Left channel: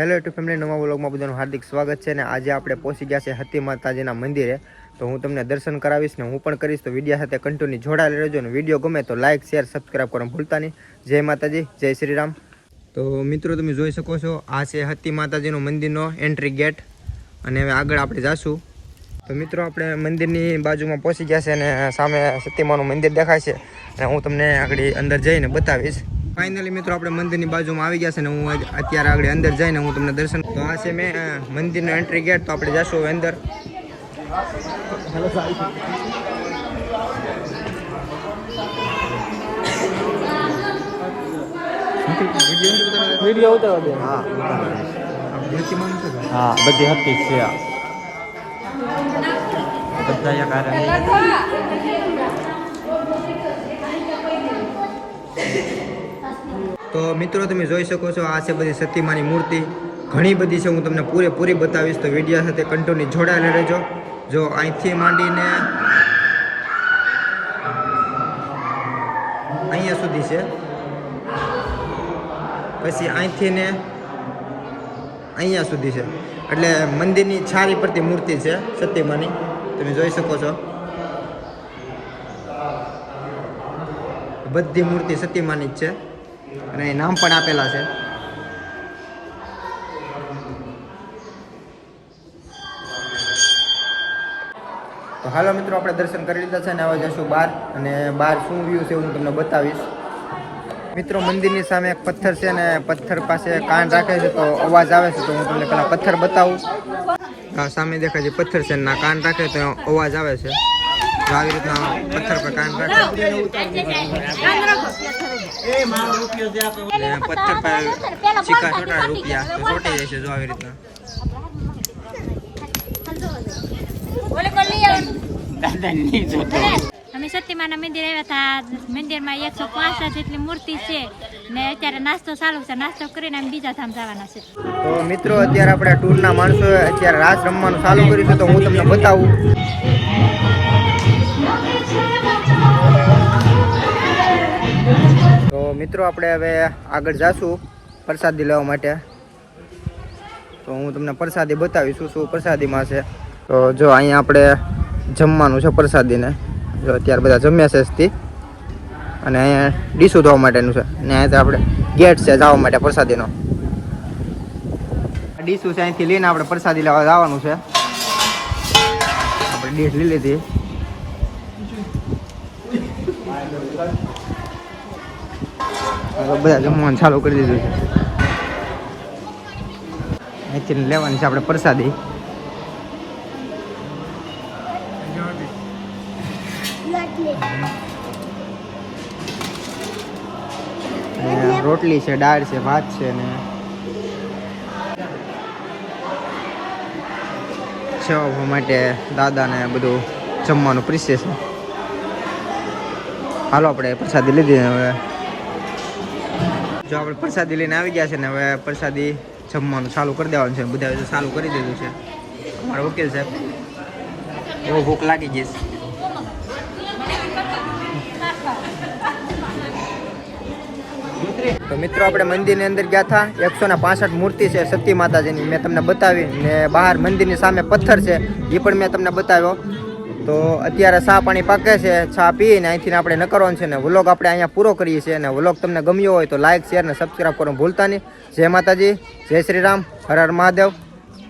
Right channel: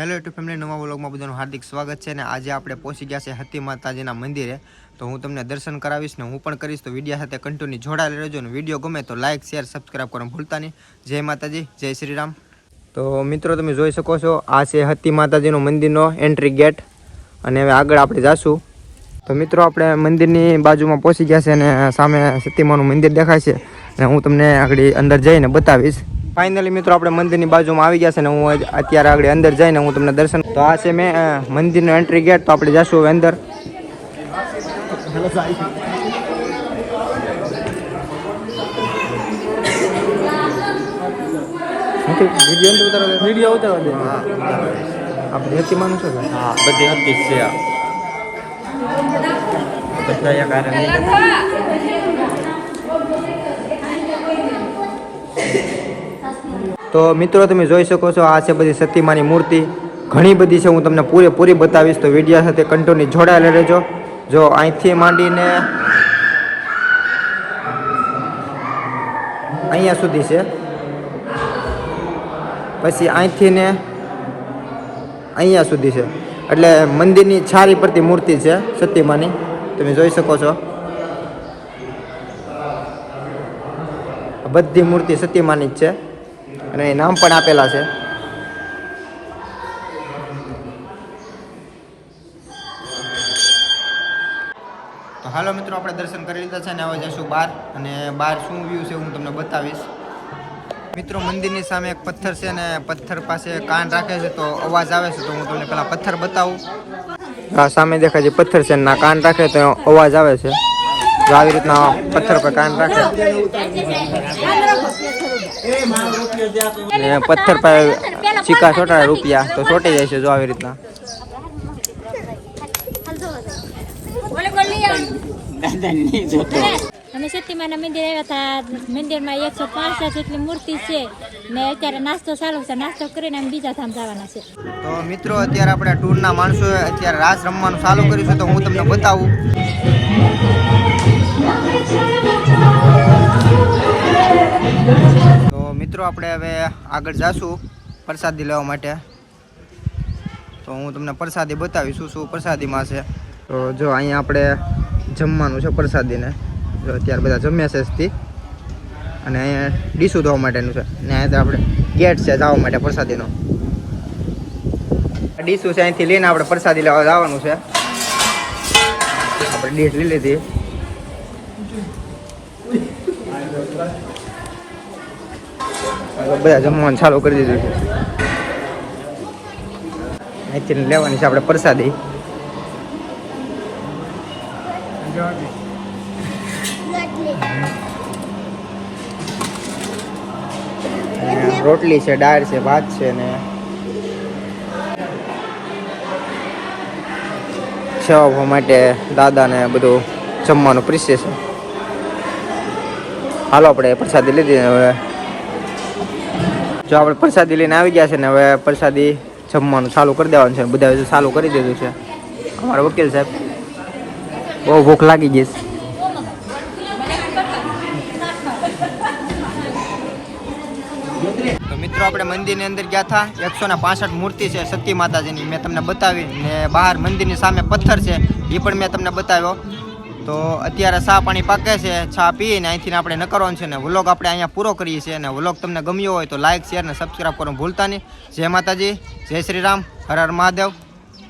Hello YouTube family નવા વ્લોગમાં બધાનું હાર્દિક સ્વાગત છે અને આજે આપણે પહોંચી ગયા છે હતી માતાજીના મંદિરે. તો હું તમને દર્શન કરાવીશ ને હું પણ કરીશ. તો વિડીયા સાથે કન્ટિન્યુ જોડાયેલા રહેજો ને વીડિયો ગમે તો લાઇક શેર સબસ્ક્રાઈબ કરવાનું ભૂલતા નહીં. જય માતાજી, જય શ્રી રામ. તો મિત્રો તમે જોઈ શકો છો, આ છે હતી માતાજીનો મંદિરનો એન્ટ્રી ગેટ અને હવે આગળ આપણે જાશું. તો મિત્રો આપણે મંદિરની બાજુમાં પહોંચી ગયા છે અને સામે સતીમાનું મંદિર દેખાય છે. અને હું તમને આગળ અંદર જઈને બતાવીશ. ફાઇનલી મિત્રો આપણે મંદિરની બાજુમાં આવી ગયા છે ને હું અત્યારે આગળ અંદર જઈને હું તમને દર્શન તો આ છે મેં મંદિરનો એન્ટ્રી ગેટ તો આપણે જશું હવે અંદર. આપણે સતીમાનું છે કે? હા બધી હતી છે બધા એક હારે લઈ લેતા. તો મિત્રો, તમે જોઈ શકો છો, આ છે બધી સતીમાની મૂર્તિ. ઘણી બધી છે, હું તમને પૂરેપૂરી બતાવીશ. તો વિડીયા સાથે કંટોની જોડાયેલા રહેજો. જો અહીંથી માંડીને અહીંયા સુધી છે. પછી અહીંથી ને અહીંયા સુધી છે. એટલે મંદિરની છારી પરથી મૂર્તિ છે, સતીમાની. તમે જોઈ શકો છો. બધી મૂર્તિ સતીમાની જ છે. અને નામ પણ આપેલા છે. તો હાલો મિત્રો, આપણે દર્શન કરી લીધા છે અને હવે જઈશું બહાર અને બહાર શું વ્યૂ છે હું તમને બતાવીશ. મિત્રો, મંદિરની સામે એક પથ્થર છે અને પથ્થર પાસે કાન રાખે છે તો અવાજ આવે છે તો હું તમને પેલા પથ્થર બતાવું. આ સામે દેખાય છે પથ્થર છે ના કાન રાખે તો અવાજ આવે છે. જો આવી રીતના પથ્થર પર કાયમ રાખે. પથ્થર પર ચીકા ચોટાડે રૂપિયા તો છોટી જાય છે જો આવી રીતના. અમે સતીમાના મંદિર આવ્યા હતા. મંદિરમાં એકસો પાંસઠ જેટલી મૂર્તિ છે. ને અત્યારે નાસ્તો ચાલુ છે. નાસ્તો કરીને અમે બીજા ધામ જવાના છે. તો મિત્રો અત્યારે આપણે ટૂરના માણસો અત્યારે રાસ રમવાનું ચાલુ કર્યું છે તો હું તમને બતાવું. તો મિત્રો આપણે હવે આગળ જાશું પ્રસાદી લેવા માટે. તો હું તમને પ્રસાદી બતાવીશું શું પ્રસાદીમાં છે. તો જો અહીંયા આપણે જમવાનું છે પ્રસાદીને. જો અત્યારે બધા જમ્યા છે અને અહીંયા ડીશું ધોવા માટેનું છે. ને અહીંયા આપણે ગેટ છે જવા માટે પ્રસાદીનો. ડીશું છે અહીંથી લઈને આપણે પ્રસાદી લેવા જવાનું છે. આપણે ડીશ લઈ લીધી હવે બધા જમવાનું ચાલુ કરી દીધું છે. અહીંથી લેવાની છે આપણે પ્રસાદી. રોટલી છે, દાળ છે, ભાત છે ને સેવા માટે દાદાને બધું જમવાનું પીરસે છે. હાલો, આપણે પ્રસાદી લીધી હવે. જો આપણે પ્રસાદી લઈને આવી ગયા છે ને હવે પ્રસાદી જમવાનું ચાલુ કરી દેવાનું છે. બધું ચાલુ કરી દીધું છે. અમારા વકીલ સાહેબ. બહુ ભૂખ લાગી ગઈ છે. તો મિત્રો, આપણે મંદિરની અંદર ગયા હતા. એકસો ને પાસઠ મૂર્તિ છે સતી માતાજીની. મેં તમને બતાવી ને બહાર મંદિરની સામે પથ્થર છે. એ પણ મેં તમને બતાવ્યો. તો અત્યારે ચા પાણી પાકે છે, ચા પીને અહીંથી આપણે નકરવાનું છે ને વ્લોગ આપણે અહીંયા પૂરો કરીએ છીએ અને વ્લોગ તમને ગમ્યો હોય તો લાઇક શેર ને સબસ્ક્રાઈબ કરવાનું ભૂલતા નહીં. જય માતાજી, જય શ્રી રામ, હર હર મહાદેવ.